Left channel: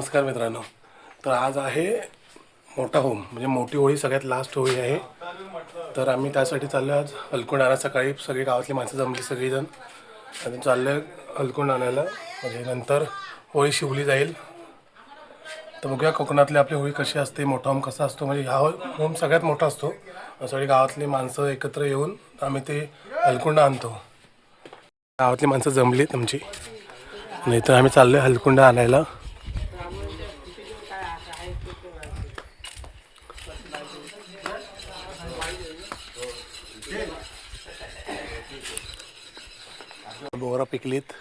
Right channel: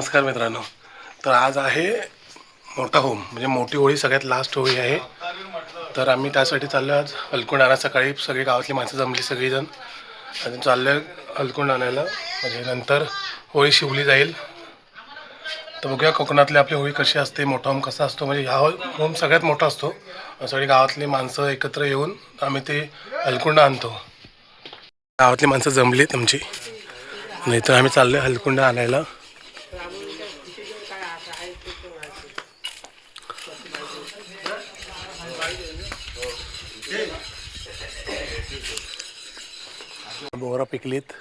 नमस्कार मित्रांनो. तर आज आहे मोठा होम, म्हणजे मोठी होळी, सगळ्यात लास्ट होळी आहे. तर आम्ही त्यासाठी चाललो आज हलकुंड आणायला. सकाळी सगळी गावातली माणसं जमली सगळीजण आणि चाललो आहे हलकुंड आणायला. म्हणजे नंतर होळी शिवली जाईल. तर बघूया कोकणातली आपली होळी कशी असते, मोठा होम कसा असतो. म्हणजे हा होम सगळ्यात मोठा असतो. सगळी गावातली माणसं एकत्र येऊन आम्ही ते हलकुंड आणतो. गावातली माणसं जमलीत आमची, नाही तर आम्ही चाललो आहे हलकुंड आणायला. बोरा पिकलीत.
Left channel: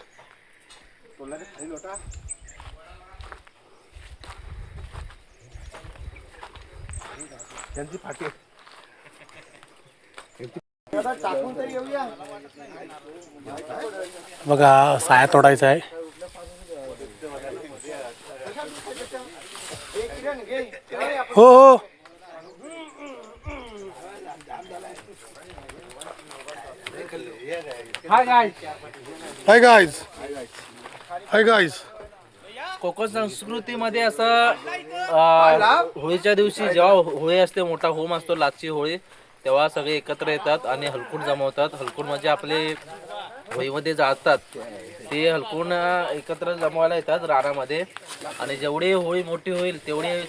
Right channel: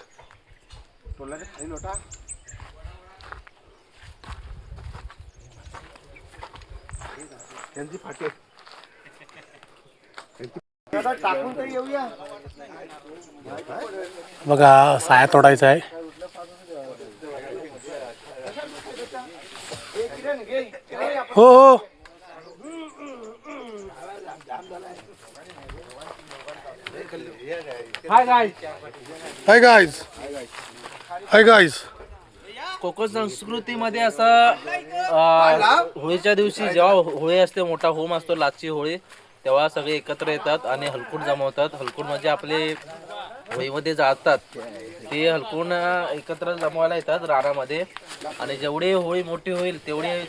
बघा साया तोडायचा आहे. हो हो. Hi guys. Hi guys. Konkan संस्कृतीमध्ये असं होळीच्या दिवशी जेव्हा होळी असते, मोठा होम असतो, लाचची होळी, तेव्हा सगळे एकत्र येतात आणि हलकुंड जमवतात. हलकुंड म्हणजे आपले होळीमध्ये जाळतात ते हलकुंड एकत्र जमवायला येतात रानामध्ये. आणि जेवढी होळी मोठी होईल तेवढी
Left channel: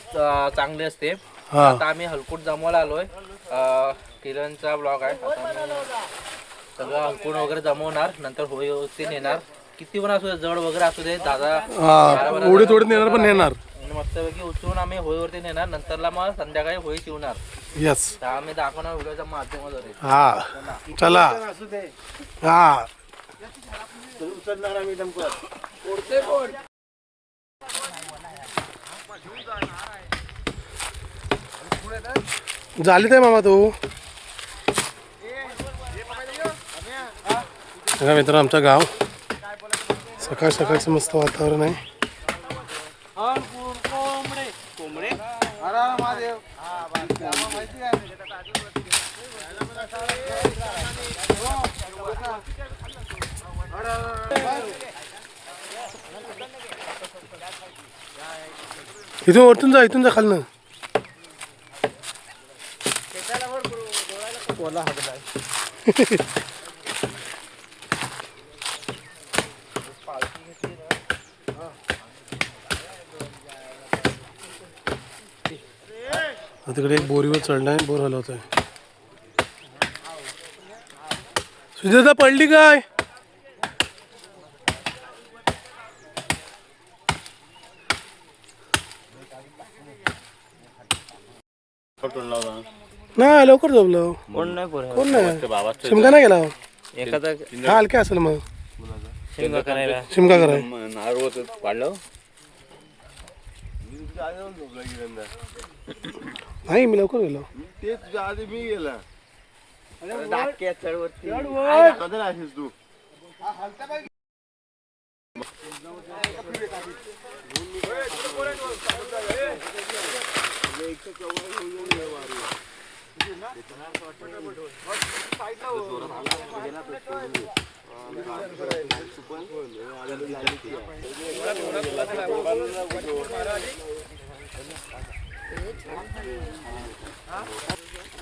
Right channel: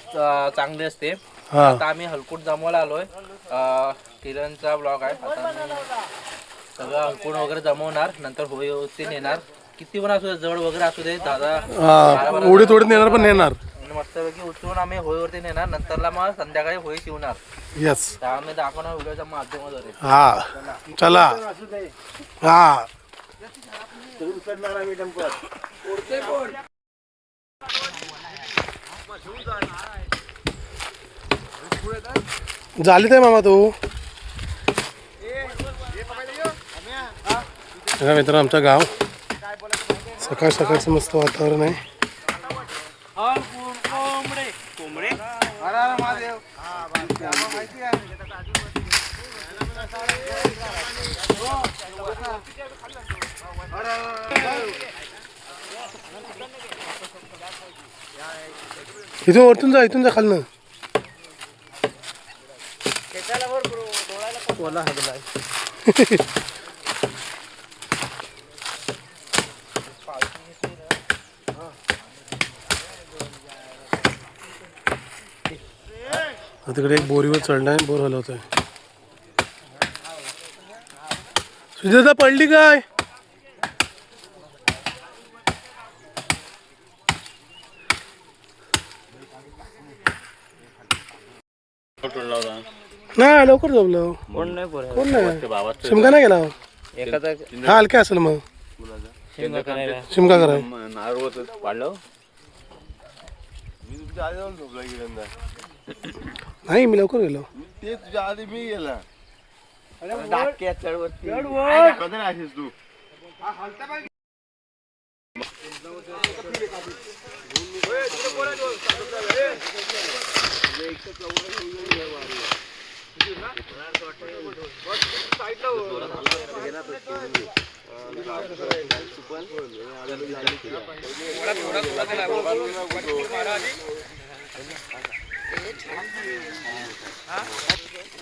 चांगली असते. आता आम्ही हलकुंड जमवायला आलोय. किरणचा ब्लॉग आहे. आता आम्ही सगळं हलकुंड वगैरे जमवणार, नंतर होळी नेणार. किती पण असू दे, जड वगैरे असू दे, दादा उडी तोडत नेणार, पण नेणार मस्तपैकी उचलून आम्ही होळीवरती नेणार. नंतरला मग संध्याकाळी होळी शिवणार. यस. आम्ही दाखवणार व्हिडिओच्या माध्यमाद्वारे. हा चला. हा झाली ते मामा तू. बघा मित्र, आमचं गाव सकाळ सकाळचं मस्त वातावरण आहे. इथून वरतून जा, इथून जा खालनं. तिकडे एक बोरीवर चढणं आहे, बोर हलवत आहे. सुजाता पडली काय? नाही लवकर जमलं. कोण नाही, शिमका नाही गेला. हा हलक्या असेल मग. शिमका कराय नाही, मी लवकर गेलो. मी गेला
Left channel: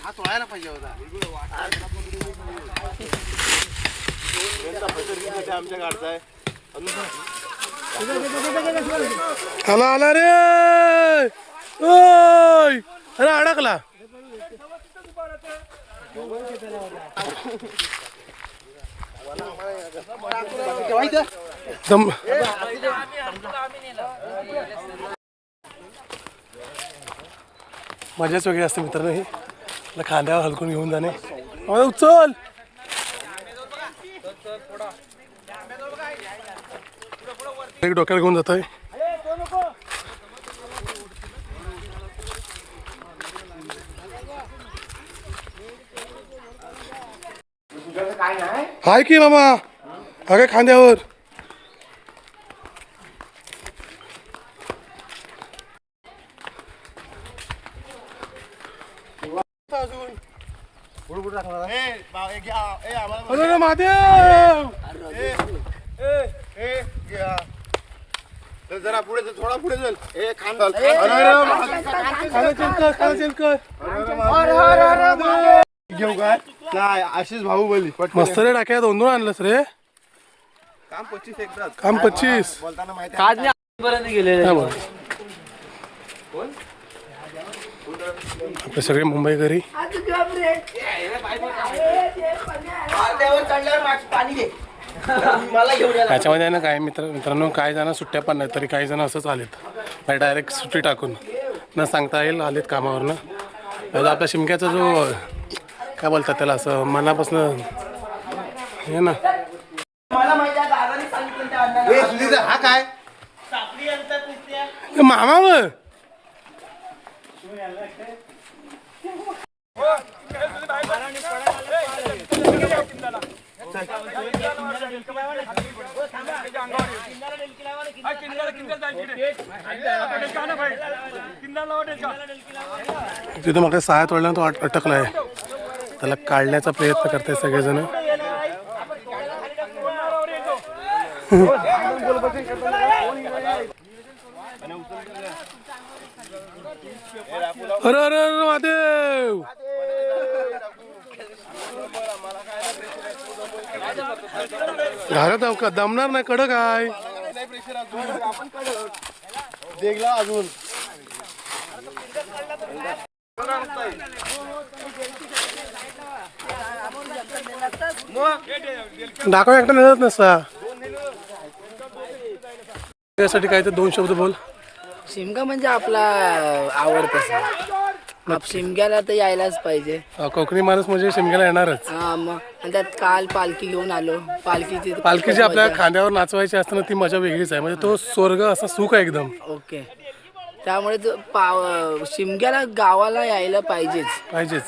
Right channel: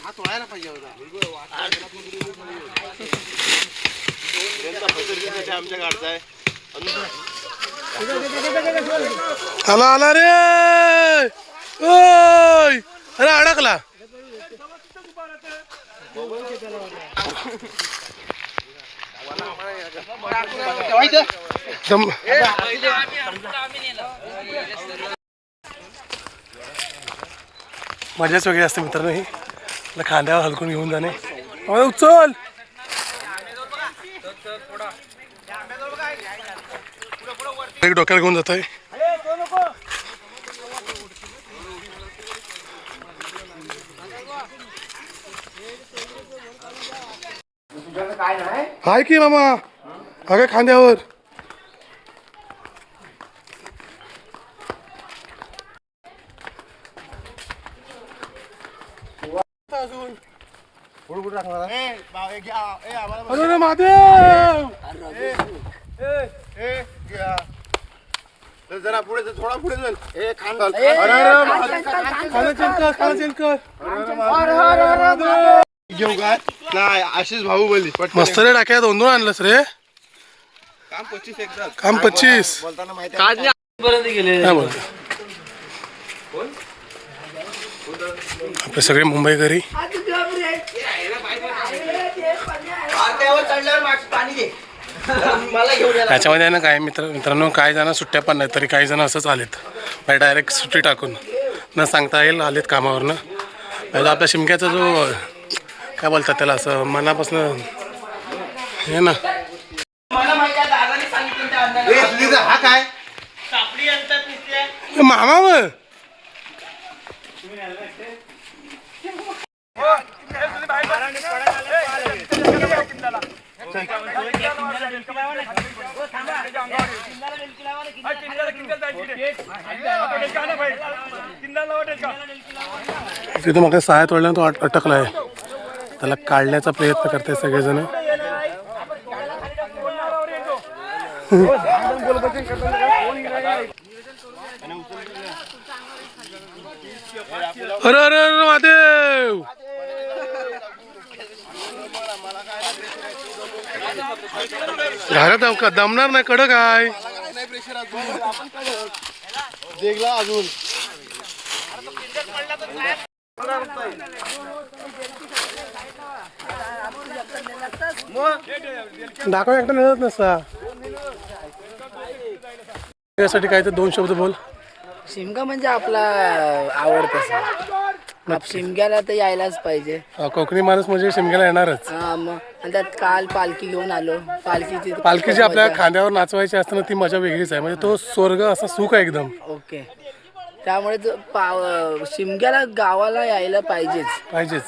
हा तोडायला पाहिजे होता. आमच्या गाडचा आहे. आला आला रे. ओय अरे अडकला. मजाच वेगळी असते मित्रांनो. ही खांद्यावर हलकून घेऊन जाणे. उचल. एक डोक्याला घेऊन जातोय. हाय की मामा, हा खांद्यावर. अरे महादेव. जरा पुढे थोडा पुढे चल. घेऊ काय नाही आशिष बाहुबली मस्त रे टाक्या 2-2 आणलंस रे. काम 25 एकदा काम 25 बोलताना माहिती पर्यंत गेले. काय बोलतो आपले सगळे मुंबईकरी. त्याच्यामध्ये आहे ना काय मित्रांनो काही जण सुट्ट्या पण नाही तरी काही जण असंच आलेत म्हणजे डायरेक्ट सुट्टी टाकून न सांगता येईल आलेत कामावरनं. म्हणजे आपल्या शिमक्याचा जो काय बोलतात त्याला असं मनापासून हे ना हा काय मामा मग तिथं मग सहाय्य तोडल्यानं तो अटकलाय. त्याला काढण्याचा प्रयत्न करताय सगळेजण. अरे अरे अरे महादेव घरात जाऊ का दमणार नाही कडक आहे. देखला अजून दाखव एकटा मिळत नसता. त्यासाठी काय तर 2 शब्द बोल. शिमगा म्हणजे आपला आवडता शिमग्याला तर यायलाच पाहिजे. कोकणी माणूस म्हणजे शिमग्याला येणारच. हा मग आणि त्यात काल पालखी घेऊन आलो. पालखी जी आपल्या खांद्यावर नाचवायची असताना ती मजा वेगळीच आहे. म्हणजे तो स्वर्ग असा सुख आहे एकदम. ओके त्यामुळे शिमग्याला गावाला यायला पाहिजेच.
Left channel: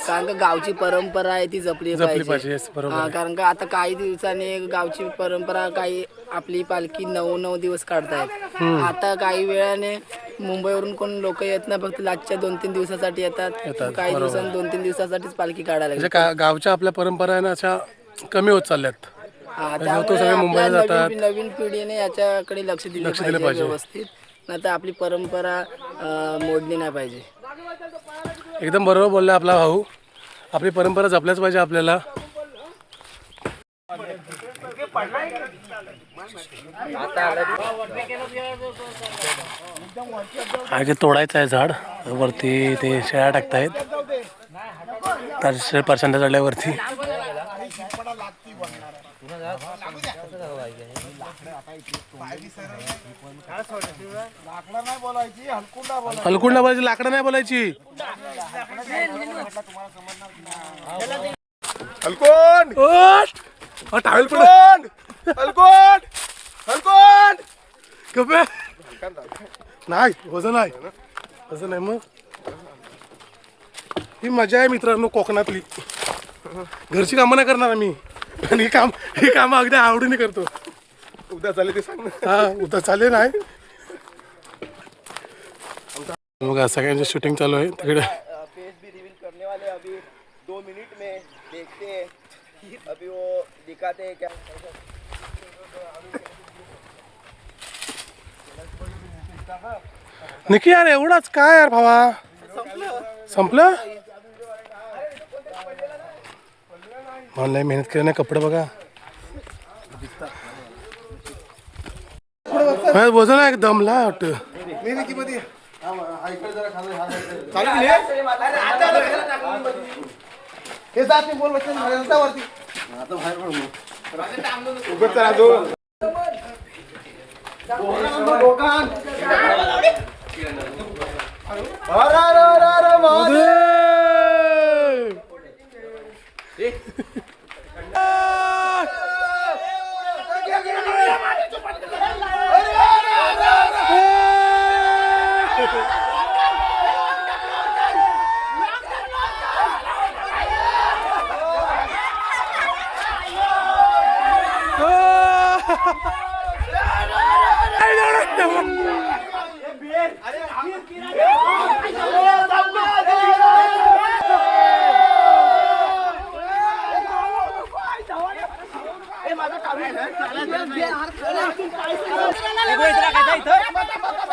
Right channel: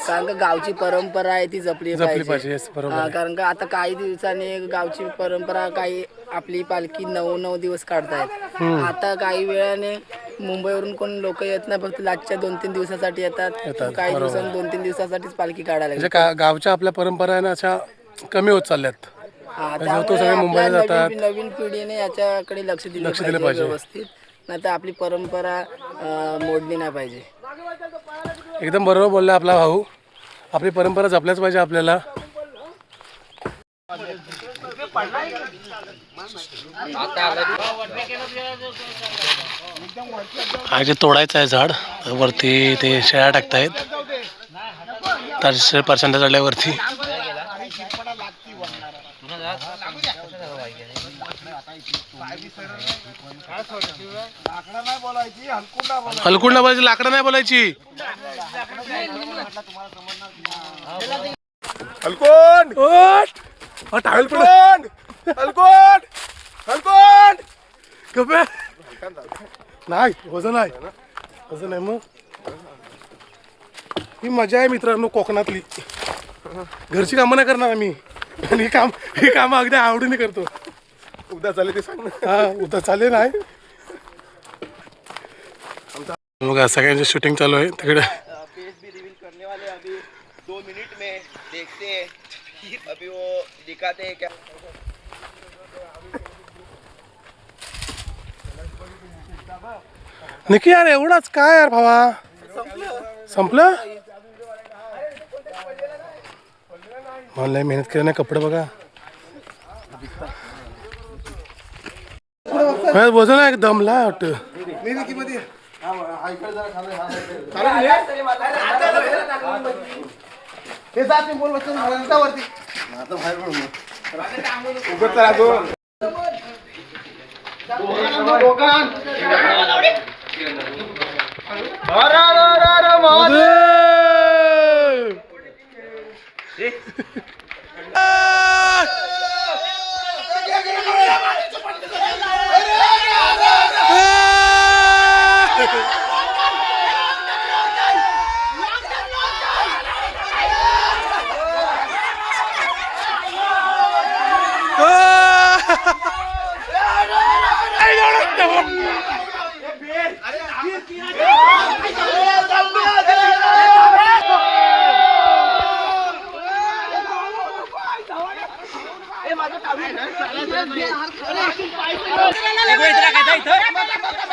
कारण का गावची परंपरा आहे ती जपली पाहिजे. बरोबर. कारण का आता काही दिवसांनी गावची परंपरा काही आपली पालखी 9 दिवस काढतायत. आता काही वेळाने मुंबईवरून कोण लोक येत नाही फक्त लास्टच्या 2-3 दिवसासाठी येतात. काही दिवसांनी 2-3 दिवसासाठीच पालखी काढायला म्हणजे गावच्या आपल्या परंपरा आहे ना अशा कमी होत चालल्यात. तो सगळे मुंबईला जातात. नवीन पिढीने याच्याकडे लक्ष दिलं पाहिजे व्यवस्थित. नाही तर आपली परंपरा मोडली नाही पाहिजे. एकदम बरोबर बोलला आपला भाऊ. आपली परंपरा जपल्याच पाहिजे आपल्याला. हा जे तोडायचं आहे झाड वरती ते शेळ्या टाकतायत. 300% चढल्यावरती हलकुंडा बोलायची लाकडं नाही बोलायची. हलकोन टावेल पण हलकोन हलकोन कपे नाही वजन आहे मग ही मजा आहे मित्रांनो कोकणातली. घरची कामं नाही करणार आम्ही आणि ही कामं अगदी आवडीने करतो. उद्या चालेल ते सांग. हा उद्या चालेल नाही. बघा सगळ्यांचे शूटिंग चालू आहे तिकडे. फेस भी रिवील करने वाले अभी 2 मिनट में देखते हैं अभी वो दिखाते हैं क्या. निकी यार एवढाच काय यार भावा संपलं. मला मेहनत केली नाही. कपडे बघा वजन आहे दमला वाटतं. हे जात मी बोल वरती आता बाहेर उभं तर अजून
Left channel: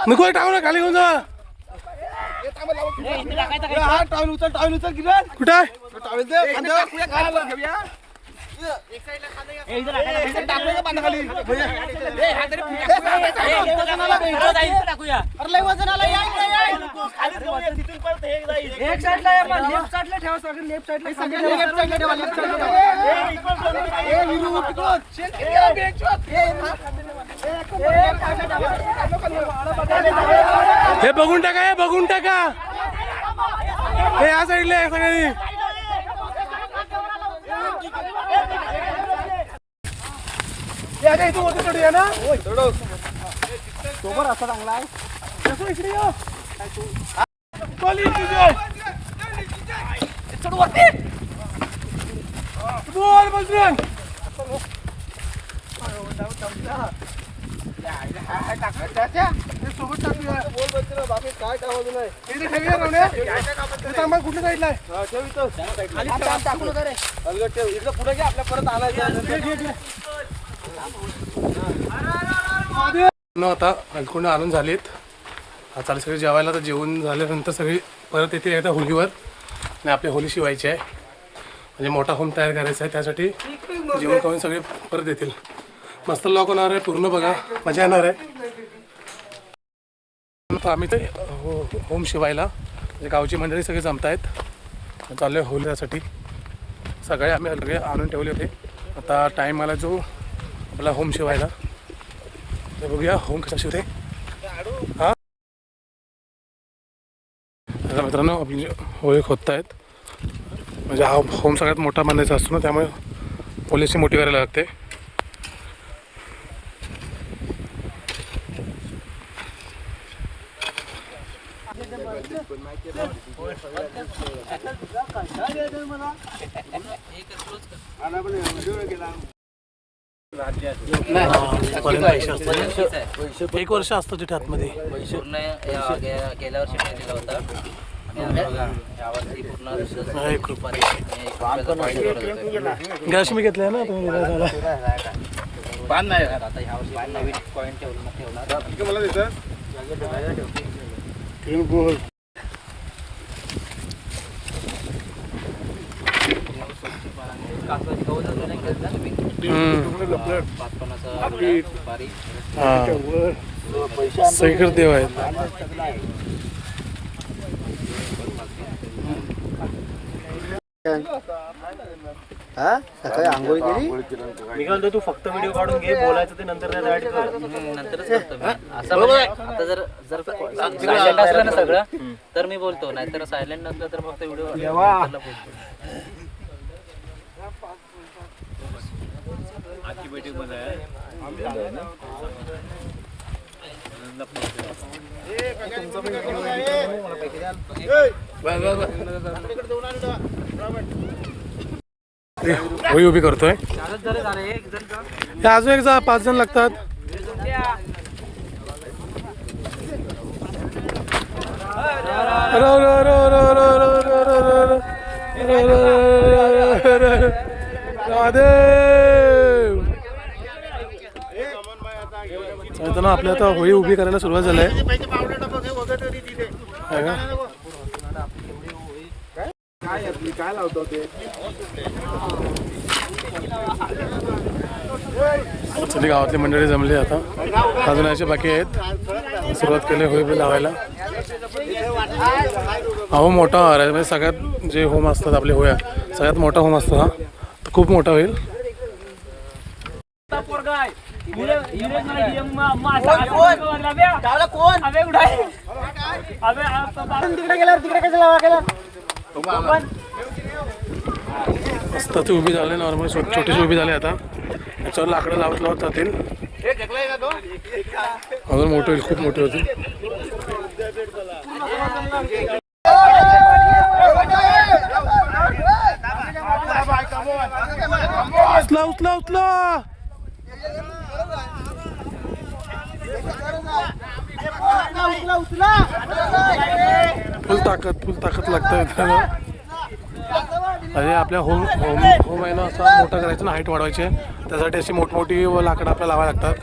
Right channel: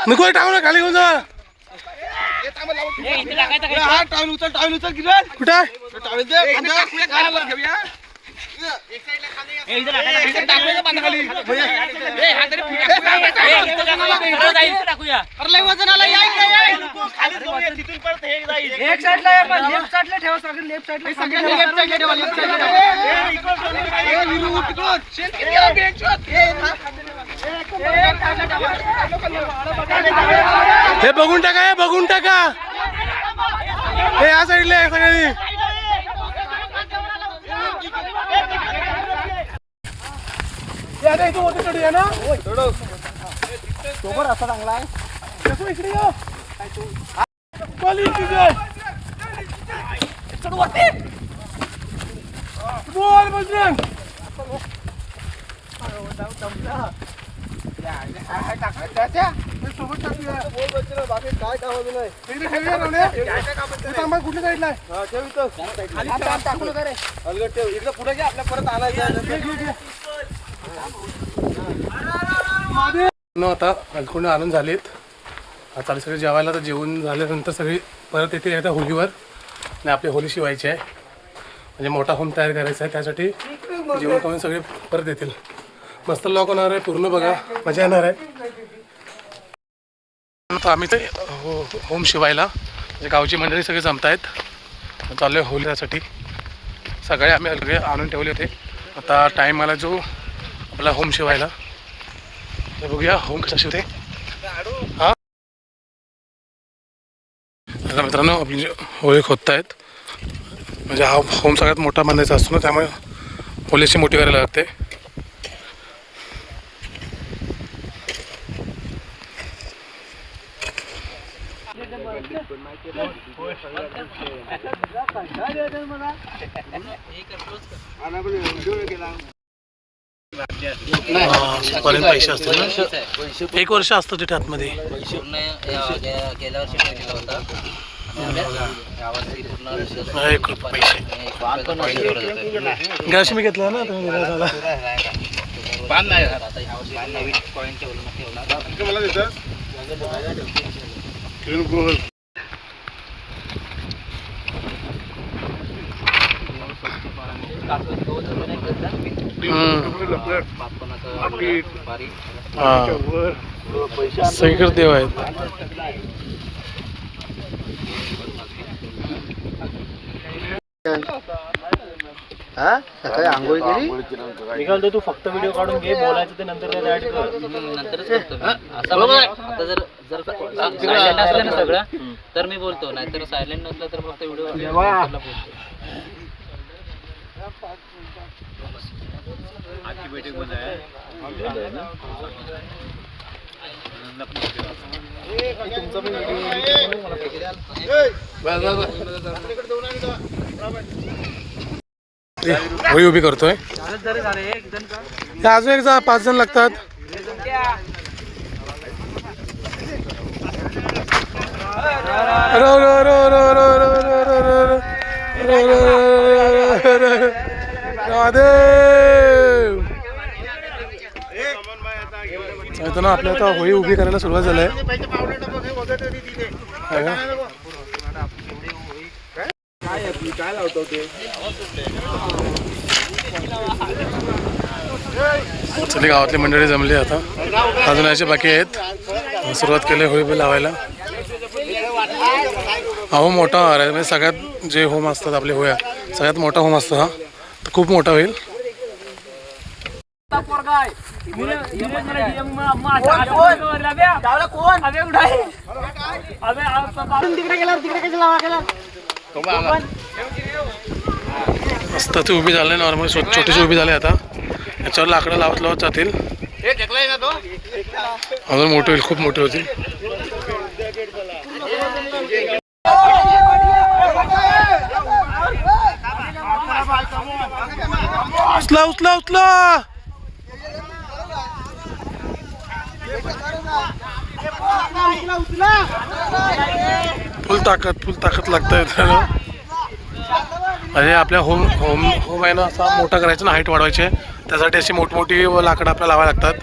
नको टाकू खाली घेऊन जा. टावेल उचल किरण कुठं टावेल दे खांद्यावर घेऊया हे बघून टाका हे बघून टाका हे या साईडला आहे सगळी इथून होती थोडी आहे ना सोबत असा चांगला आहे इकडे बोल बजरंग सोबत काय नाही कुठल्या साईडला पुढे घ्या आपल्या परत आला आता हलकुंड आणून झालीत. आता सगळे जेवायला तर जेवण झाल्यानंतर सगळी परत येतील एकदा होलीवर आणि आपली होली शिवायची आहे म्हणजे मोठा होम तयार करायचा आहे. त्यासाठी जेवण करून सगळे परत येतील. मस्त लॉक होणार आहे पूर्ण बघा मजा येणार आहे. आम्ही ते होम शिवायला म्हणजे गावची मंडळी सगळे जमतायत चालू आहे होलीसाठी. सगळे आम्ही सगळे आणून ठेवले होते. आता टाईम आला जो आपला होम शिवायला तर बघूया होम कसा शिवते. हा आता मित्रांनो आपली होळी खोदतायत म्हणजे हा होम सगळ्यात मोठा बांधायचा असतो ना त्यामुळे होलीची मोठी करायला लागते. पैसे असतात ना 1 वर्ष असतं तिथे आतमध्ये. गेल्या वर्षी दिला होता 1 रुपये पैसे गॅस मी घेतला ना तुम्ही सगळीकडे देव आहेत. सकाळी आंघोळ केली मी काय म्हणतो तू फक्त व्हिडिओ काढून घे बोलायचं ते नंतर नंतरच करतो मी. असं म्हणजे आता जर सायलेंट असलं ना सगळं तर मी बोलतो नाहीतर सायलेंट नसलं तर फक्त व्हिडिओ बोलतो. होळी उभी करतोय. अजून एक 5 जण लागतात. ना आपल्या आता होळी उभी करायला सुरुवात झाली आहे. काय लावतो ते सगळी गावातली मंडळी जमली आता अजून याचे बाकी आहेत. सुरुवात केली होळी लावायला. हा होम मोठा होणार आहे म्हणजे सगळ्यात जे होम असतात आपले होळ्या सगळ्यात मोठा होम असतो हा तर खूप मोठा होईल. मस्त ती उभी झाली नॉर्मल छोटीशी उभी झाली. आता याच्यावर लाकडं लावत लावत जातील अजून मोठे होईल खूप मोठे होतील. उचला उचला उचला फुल ताकद लागतंय. अरे आपल्या होम आहे ना असा मोठा करायचा ना हाईट वाढवायची आहे त्यासाठी अशी मोठमोठी लाकडं आपल्याला लावायला लागतात.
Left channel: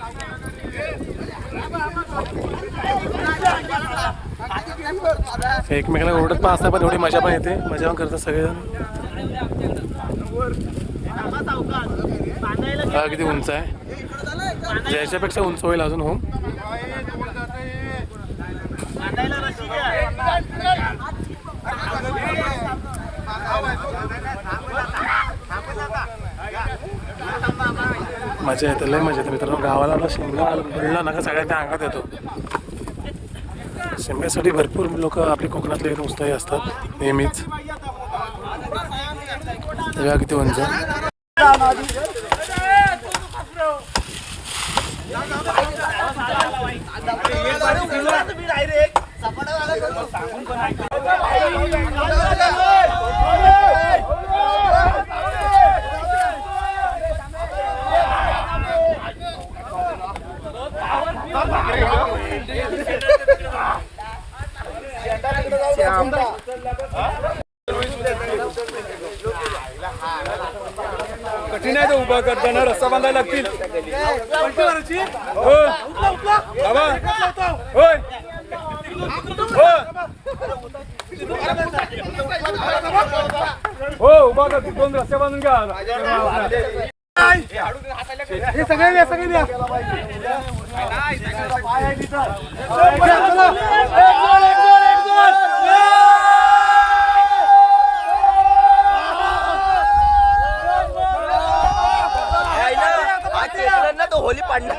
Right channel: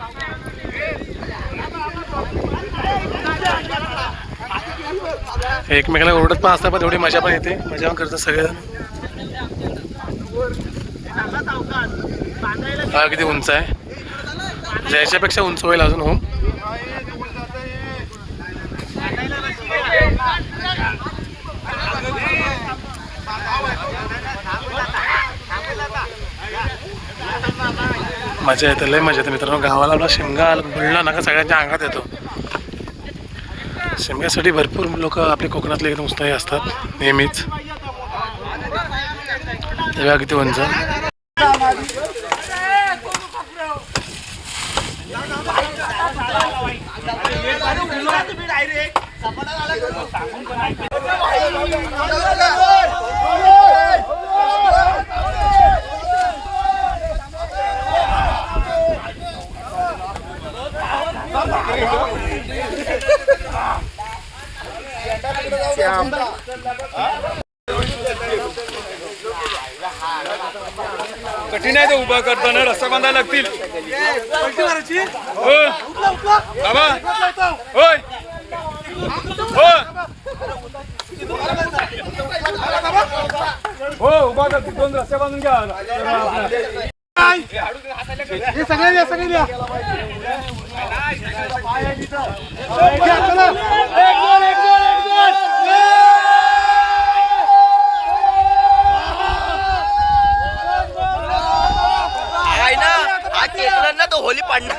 एकमेकाला ओरडत पण असतात पण एवढी मजा पण येते, मजा पण करतात सगळेजण. हा किती उंच आहे, याच्यापेक्षा उंच होईल अजून होम. मजा येते, लय मजा येते मित्रांनो. गावाला आपला शिमगा बुडला ना का सगळ्यांच्या अंगात येतो. शिमग्यासाठी भरपूर लोक आपले कोकणातले एकदम उत्साही असतात नेहमीच. तेव्हा किती उंच. कठीण आहे ते उभं करताना, रस्ता बांधायला लागतील. होय हो उभा कर, 2 रस्ते बांधून घ्या. तो होली पाडणार.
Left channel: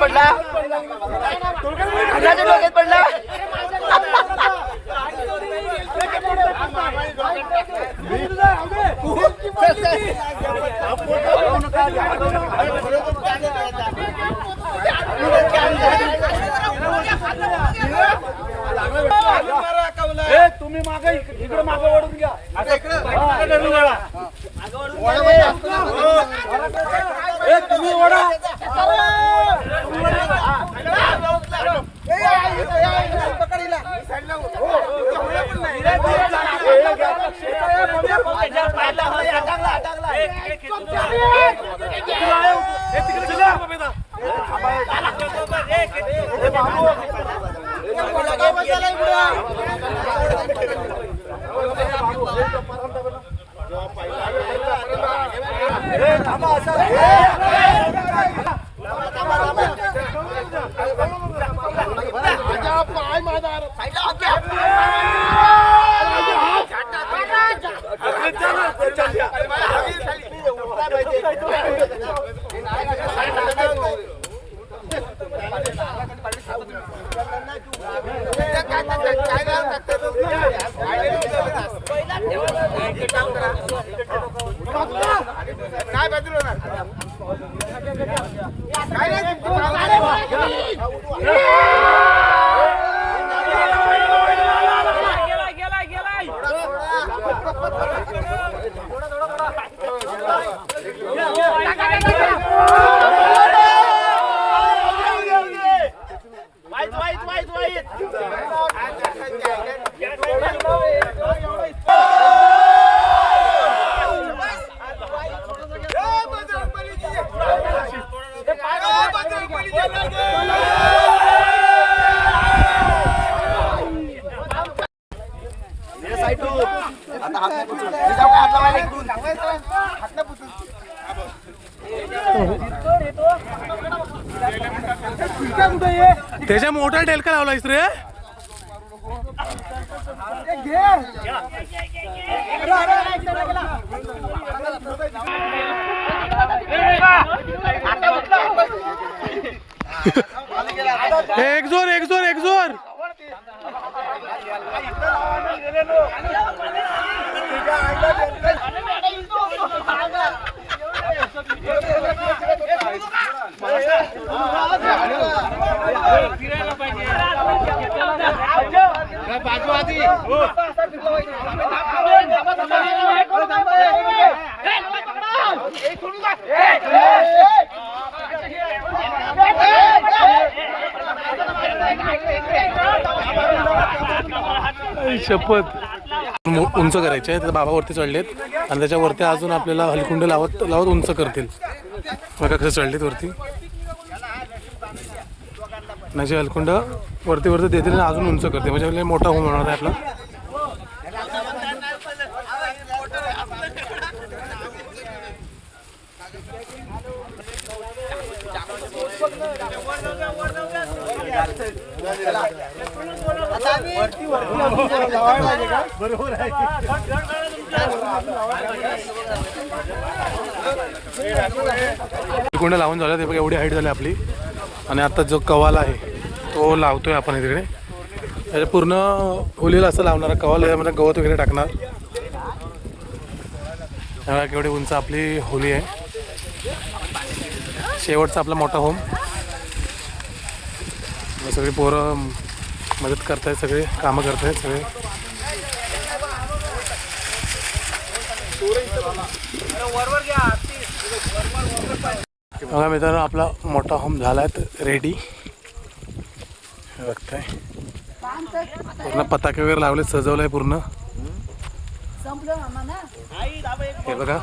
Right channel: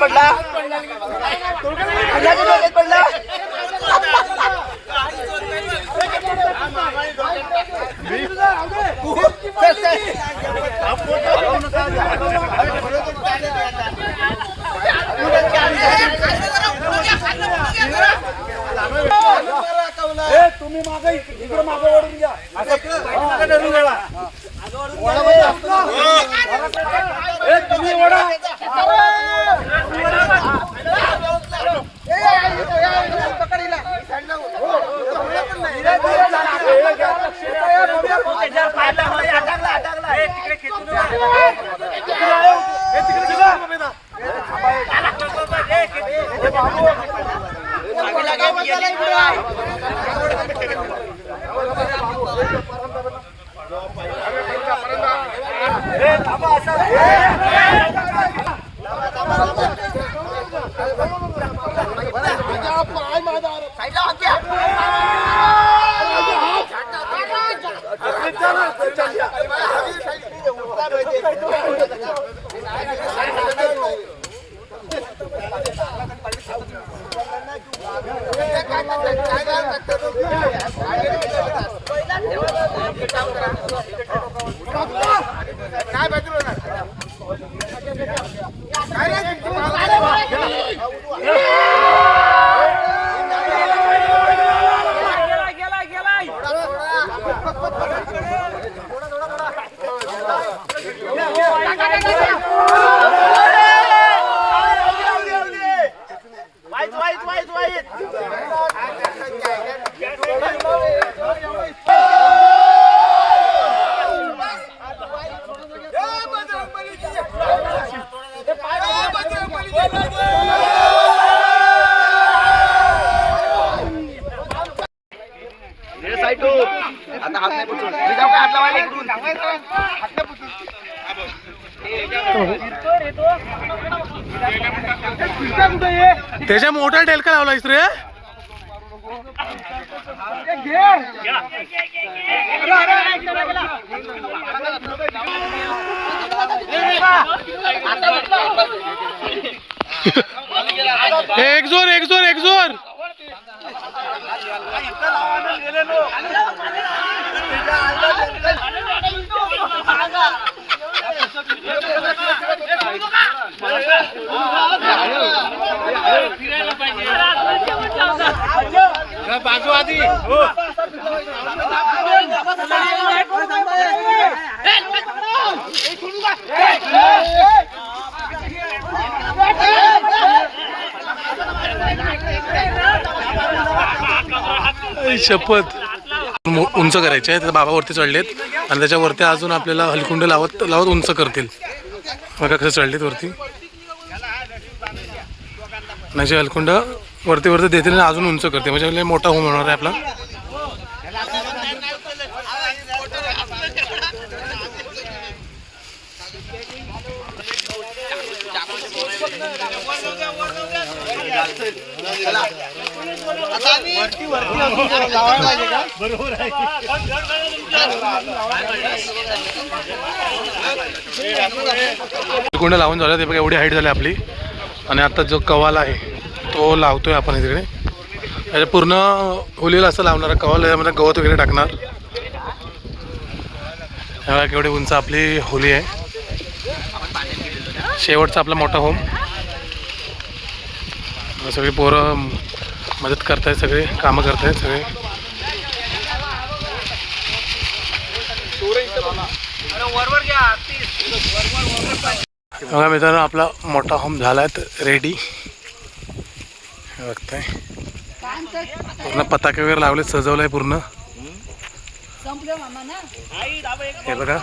पडला पडला. तुम्ही मागे इकडे मागे वळून घ्या. तुम्ही ओढा. त्याच्या मोठा टेलका लावलायस रे. एक जोर एक जोर एक जोर. शपथ उंच करायचे आहे. बाबा वरती चढलेत आणि त्याच्यावरती अजून आपल्याला हलकुंड लावत लावत उंच करतील. बघा कसं चढलेत वरती. म्हणजे हलकुंड वरती वरती देतील आणि अजून उंच करते. म्हणजे मोठा होम होणार आहे आपला. हलकुंड लावून झालं ते बघा. एवढी हाईट झाली आपली. आणि आता जो कवाल आहे तो लावतोय आपण इकडे. त्याच्या पूर्ण होलीला असं लावणार कवाल. यामध्ये गवत वगैरे टाकणार. ह्या केवढी उंच आपली होली आहे. शेवटचा आपला मोठा होम. सगळी पोरं मदत करतायत. सगळे कामं करतायत सगळे. बघा मित्रांनो आपला मोठा होम झाला आहे रेडी. बघताय पूर्ण पताके वगैरे लावले. सजवलंय पूर्ण. हे बघा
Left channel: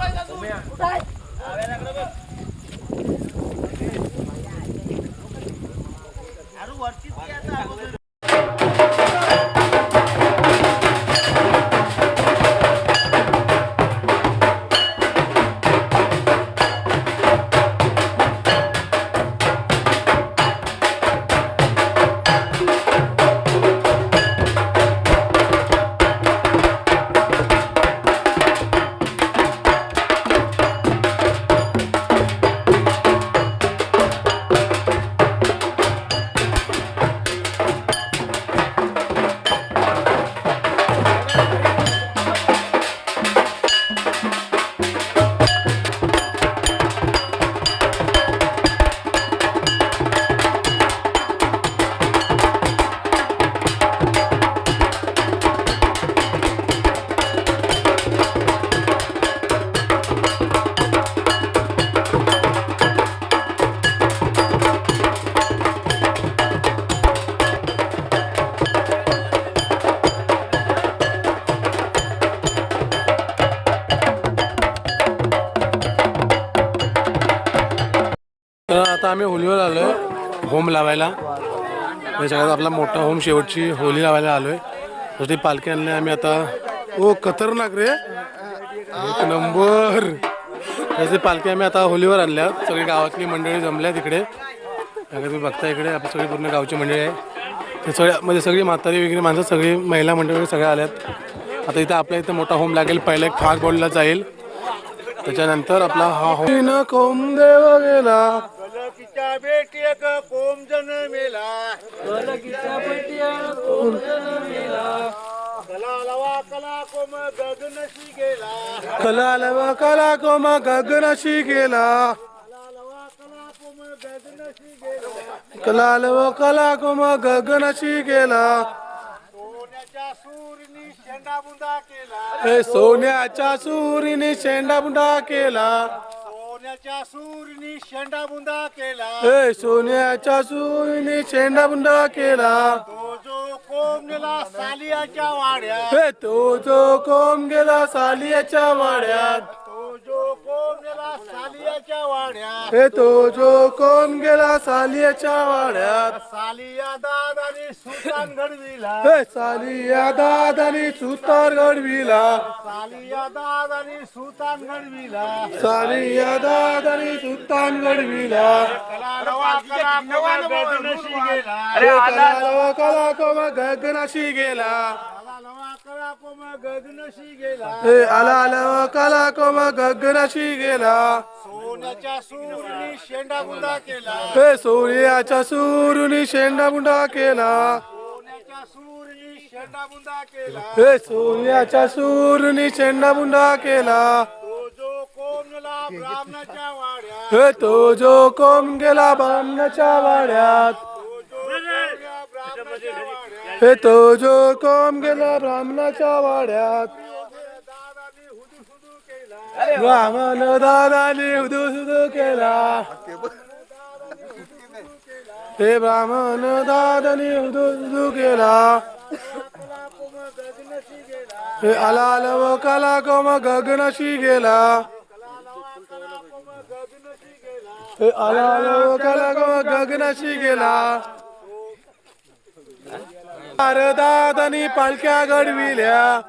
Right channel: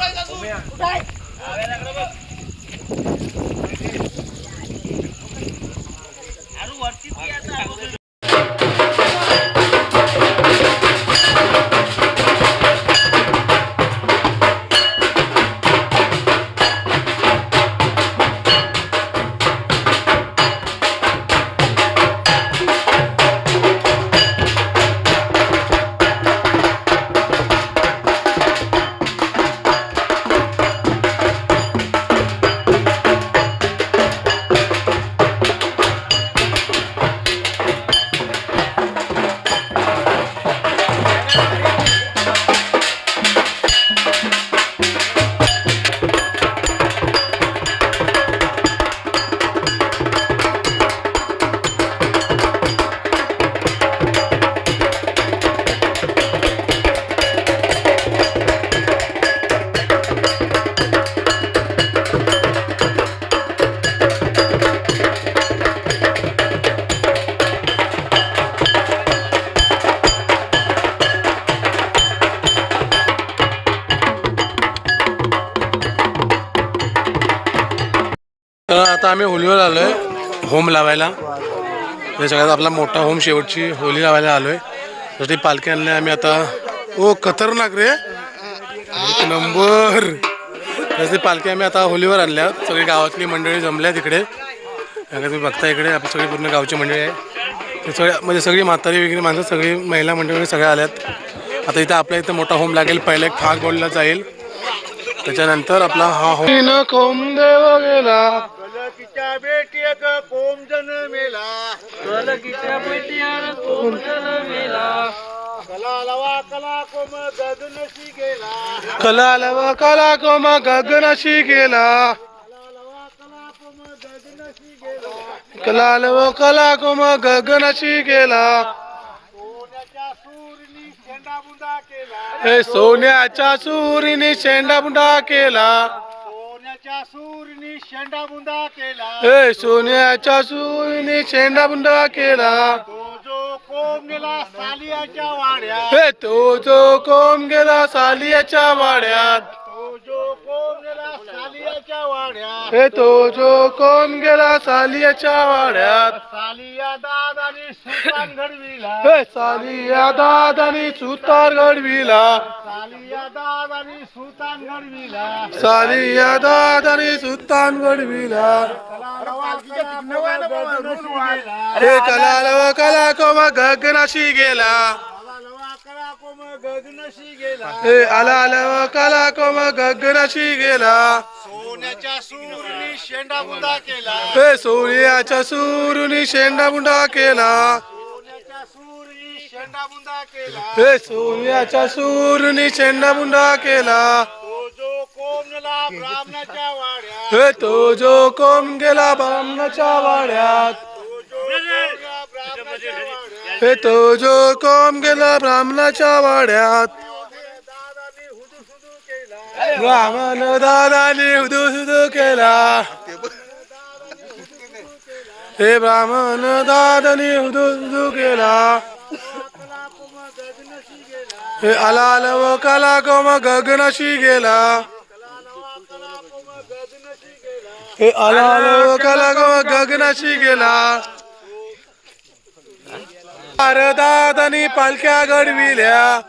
तर आता आम्ही होलीवर आलो आहे होम लावायला. या सगळ्यात आपला मोठा होम शेवटची होली लावायला आलो आहे. तर ती पालखी आणली आम्ही आता. ओ खतरनाक रे. एक नंबर. तर ती पालखी आम्ही आता होलीवर आणल्या. सगळी गावातली मंडळी जमल्या तिकडे. तुम्ही बघता इकडे आपली सगळी पूर्ण गावची मंडळी आहे. ते सगळ्या म्हणजे सगळी म्हातारी वगैरे माणसं सगळी महिला मंडळी सगळ्या आल्यात. आता इथं आपल्या इथं मोठा होम लागेल. पहिला एक फाग बोलला जाईल. त्याच्यानंतर आपला हा होम कोम देव गेला. बेटी कोम जन मेला. कलालव कला कोम गगनशी गेला कलालव कला कोम गगनशी गेला हे सोन्याच्या सुरीने शेंडाबुंडा केला सोन्याच्या सूरनी शेंडाबुंदा केला हे सोन्याच्या सुरीने शेंडाबुंडा केला तो जो कोंब गेला सालियाच्या वाड्यात हे तो जो कोम गेला सालियाच्या वाड्यात तो जो कोंब गेला सालियाच्या वाड्यात हे तो जो कोम गेला सालियाच्या वाड्यात सालिया दादानी सुलतान घडविला हे सालिया दादानी सुतार घडविला सालिया दादानी सुलतान घडविला सालिया दादानी सुतान घडविला कला नवा कला कोमा गगनशी गेला हे कलालव कला कोम गगनाशी गेला कला नवा कला कोमा गगनशी गेला हे आलालव कला कोम गगनाशी गेला सोन्याच्या सूरनी शेंडाबुंदा केला हे सोन्याच्या सुरुनी शेंडाबुंडा केला सोन्याच्या सूरनी शेंडाबुंदा केला हे सोन्याच्या सुरुनी शेंडाबुंडा केला तो जो कोंब गेला ब्राह्मणाच्या वाड्यात हे तो जो कोम गेला ब्राह्मणाच्या वाड्यात हे तो जो कोम गेला ब्राह्मणाच्या वाड्यात ब्राह्मण दादाने हुदू केला हे ब्राह्मण दादाने हुदू केला हे आलालव कला कोम गगनाशी गेला हे आलालव कला कोम गगनाशी गेला दादानी पालख्या घडविल्या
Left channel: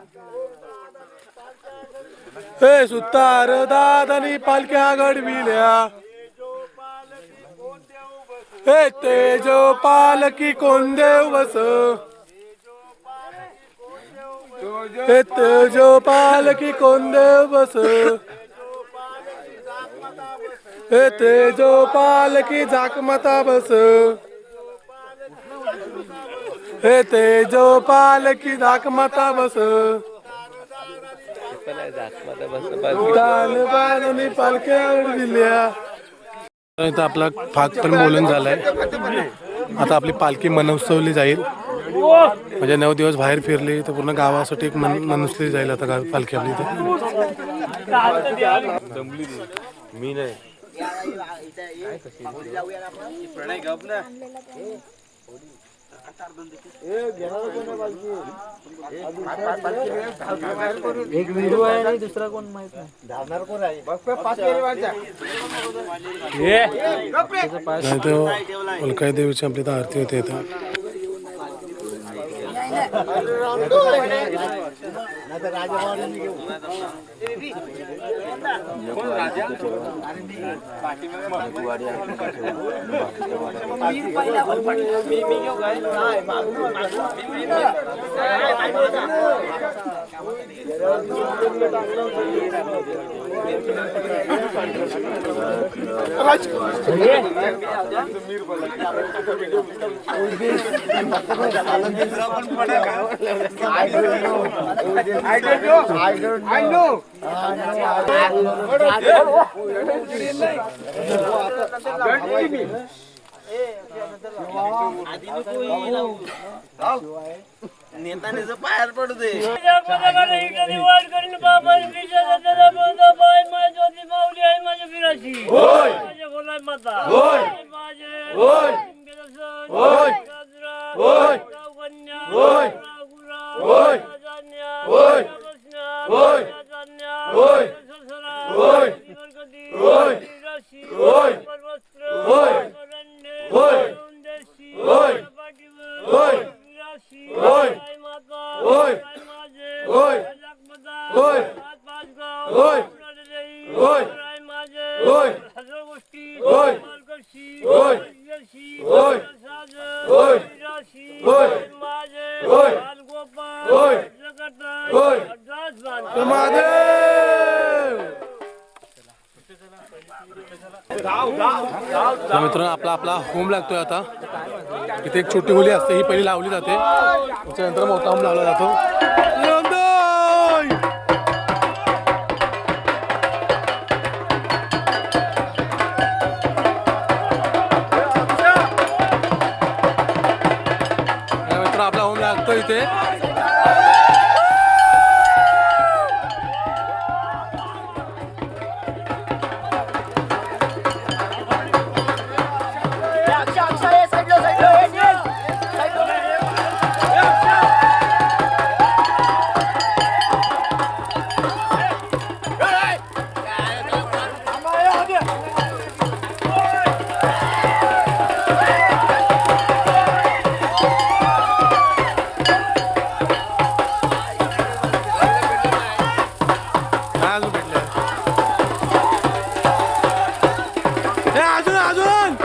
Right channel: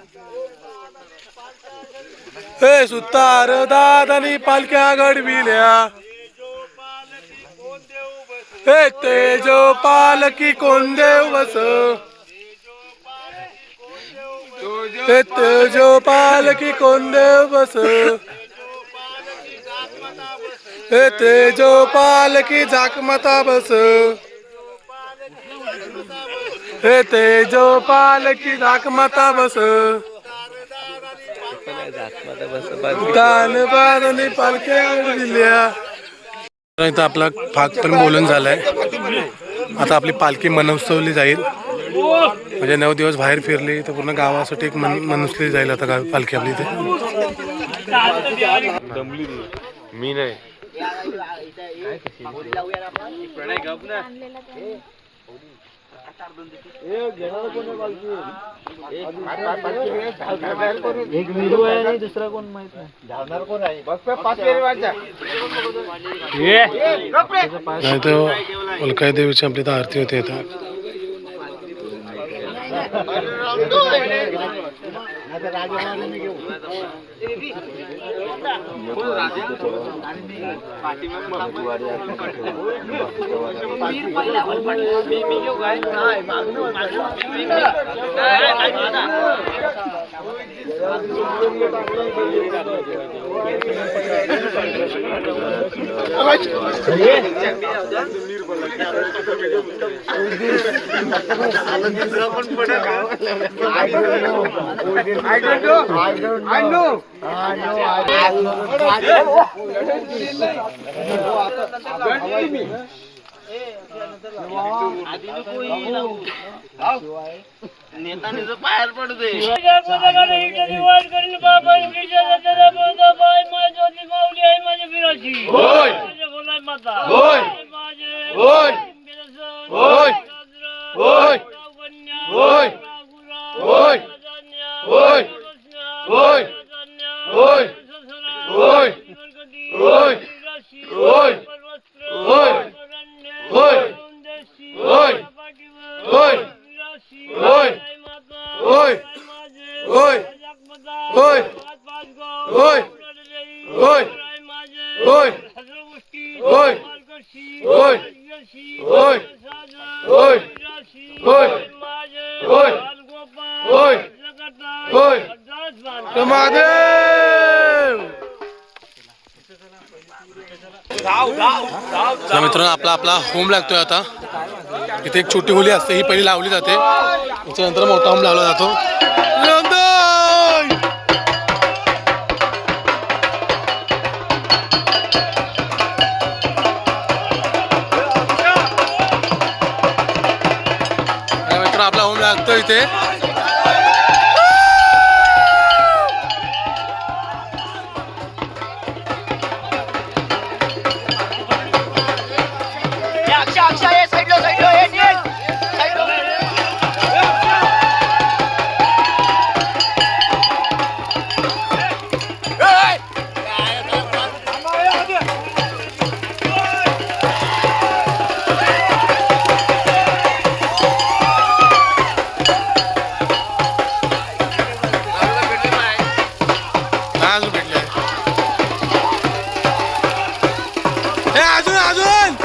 हे सुतार दादानी पालख्या घडविल्या हे तेजो पालकी कोण देव बस हे तेजो पालकी कोण देव बस हे तेजो पालकी जाकमता बस हे तेजो पालकी जाकमता बस दान बारानी पालख्या दिल्या. इथं आपला भाग पण बोलून झालाय. आता आपली पालखी मनउत्सवली जाईल. म्हणजे 9 दिवस बाहेर फिरली तर पूर्ण गावासाठी एक मनउत्सवली जाईल. आता पालखी आपली इथे मी नाही एक व्हिडिओ आहे रे, दुसरा कोण माहित नाही. नाही तर उल्काई देवीची आपली तर आरती होते इथं. नेतानीचं बाहेर पडू दे. मित्रांनो आपला होम लागतोय आता. इथे एक छोटी होली असते, ही पहिली लावली जाते, त्याच्यानंतर मोठा होम लावला जातो. आणि मित्र आपला होम लागतो इथे. अजून भेटले अजून अजून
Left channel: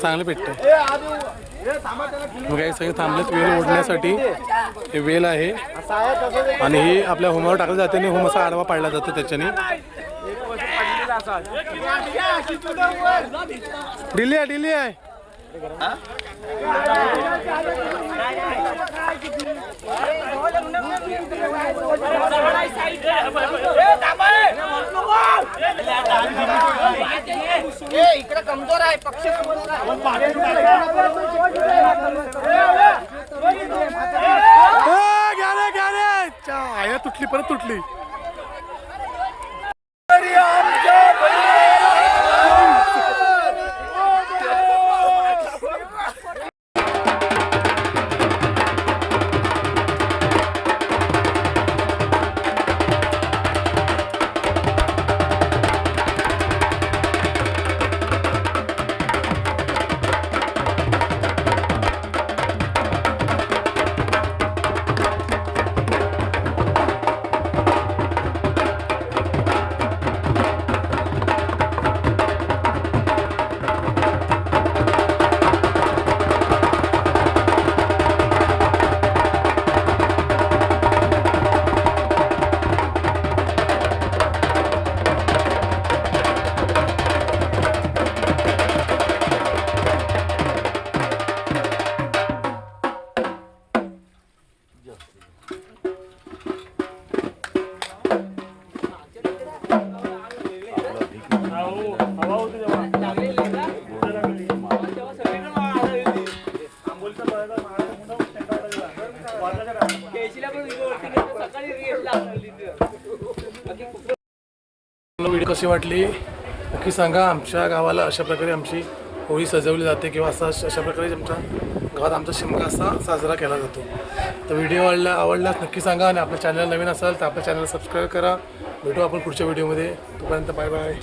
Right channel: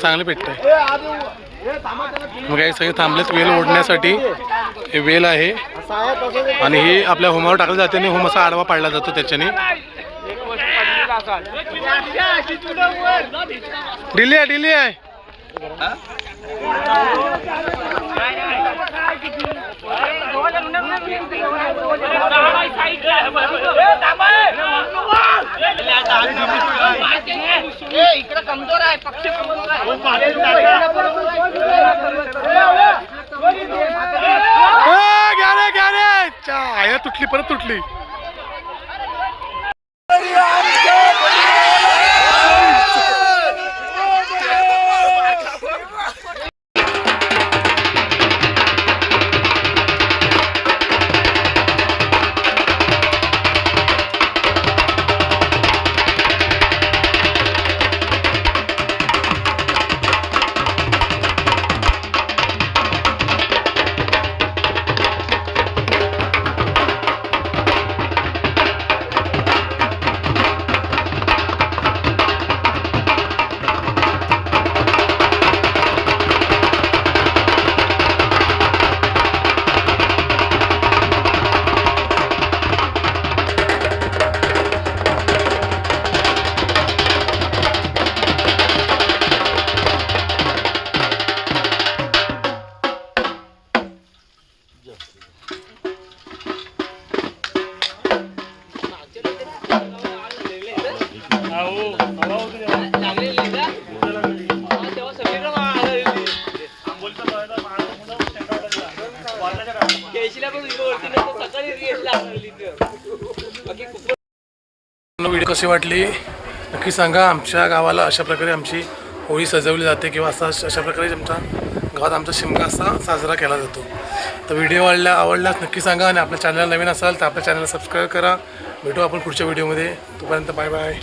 चांगले पेटत मग काही सगळे थांबलेत वेल ओढण्यासाठी. हे वेल आहे आणि हे आपल्या होमावर टाकलं जाते आणि होम असा आडवा पाडला जातो त्याच्याने. डिली आहे डिली आहे. इकडे कमजोर आहे पक्ष घ्या रे तुटली परत तुटली. व्हिडिओ कशी वाटली नक्की सांगा. आमच्या गावाला अशा प्रकारे आमची होळी सजवली जाते किंवा अशा प्रकारे आमच्या गावात आमचा शिमगा असा साजरा केला जातो. तर व्हिडिओ आवडल्यास नक्की सांगा आणि आपल्या चॅनलला नवीन असाल तर आपल्या चॅनलला सबस्क्राईब करा. भेटू आपण पुढच्या व्हिडिओमध्ये. तोपर्यंत बाय बाय.